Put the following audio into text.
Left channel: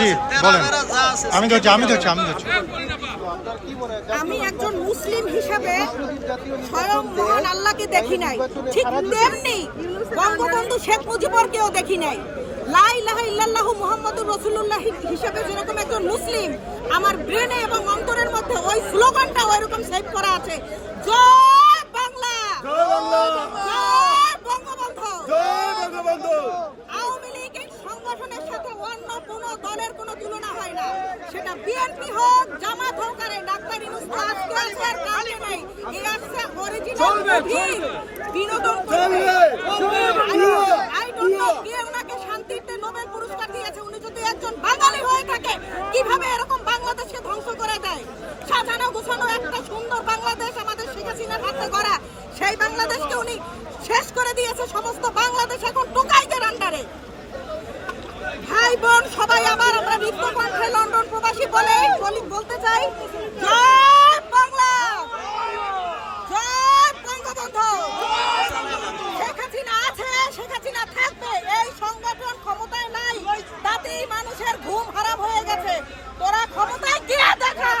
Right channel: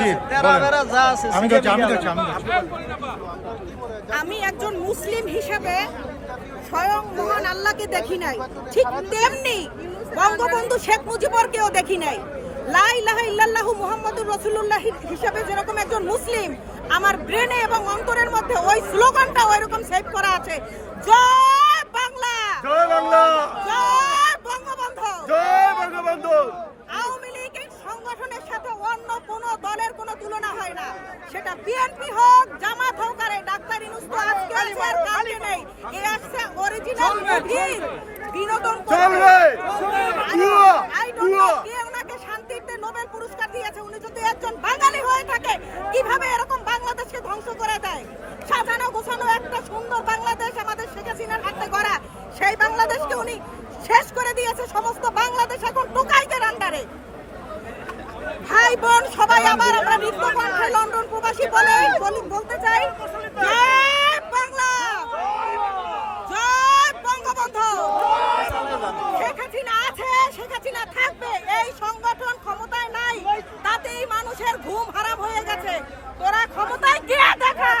জি, বলেন। আমি ধরছি আমি ধরছি আমি ধরছি। আমি একজন মুসলিম হিসাবে স্বয়ং মহান আল্লাহকে দেখি নাই। ঠিক তেমনি বঙ্গবন্ধু শেখ মুজিবরকেও দেখি নাই। লা ইলাহা ইল্লাল্লাহু মুহাম্মাদুর রাসূলুল্লাহ হিসাবে যেরকম একজন মুসলিম, আমার ব্রেনে এবং অন্তরের মধ্যে ওই স্লোগানটা ওইরকম সেভ করা আছে। জয় বাংলা জয় বাংলা জয় বঙ্গবন্ধু জয় বঙ্গবন্ধু আওয়ামী লীগ এই সংগঠনের সাথে অন্য কোন দলের কোনো তুলনা হয় না। সেটা বিএনপি হোক জামাত হোক আর ডাক্তার ইউনুস আজকে আছে আর কালকে নেই। এ আছে অরিজিনাল বিনোদন। আই ডোন্ট নো কে ওনাকে শান্তিতে নোবেল পুরস্কার দিয়েছে। উনি যদি একজন বাঙালি হয়ে থাকে কীভাবে এরকম বাংলাদেশকে ধ্বংস করে দেয়? সাজানো গোছানো একটা সুন্দর বাংলাদেশ আমাদের শেখ হাসিনার হাতে গড়া। সেই বাংলাদেশকে উনি শেষ করে দিয়েছে সমস্ত বাংলাদেশ এখন টোকাইদের আন্ডারে ভাই বোন, সবাই আবার আমরা কণ্ঠে লন্ডন প্রবাসী বলে বলতে চাই, জয় বাংলা! জয় বঙ্গবন্ধু! শেখ হাসিনা আছে, শেখ হাসিনা থাকবে, এই সংগঠন ক্ষমতায় নাই, তাতেই মানুষের ঘুম হারাম হয়ে গেছে। তোরা ক্ষমতায় গিয়ে দেখা!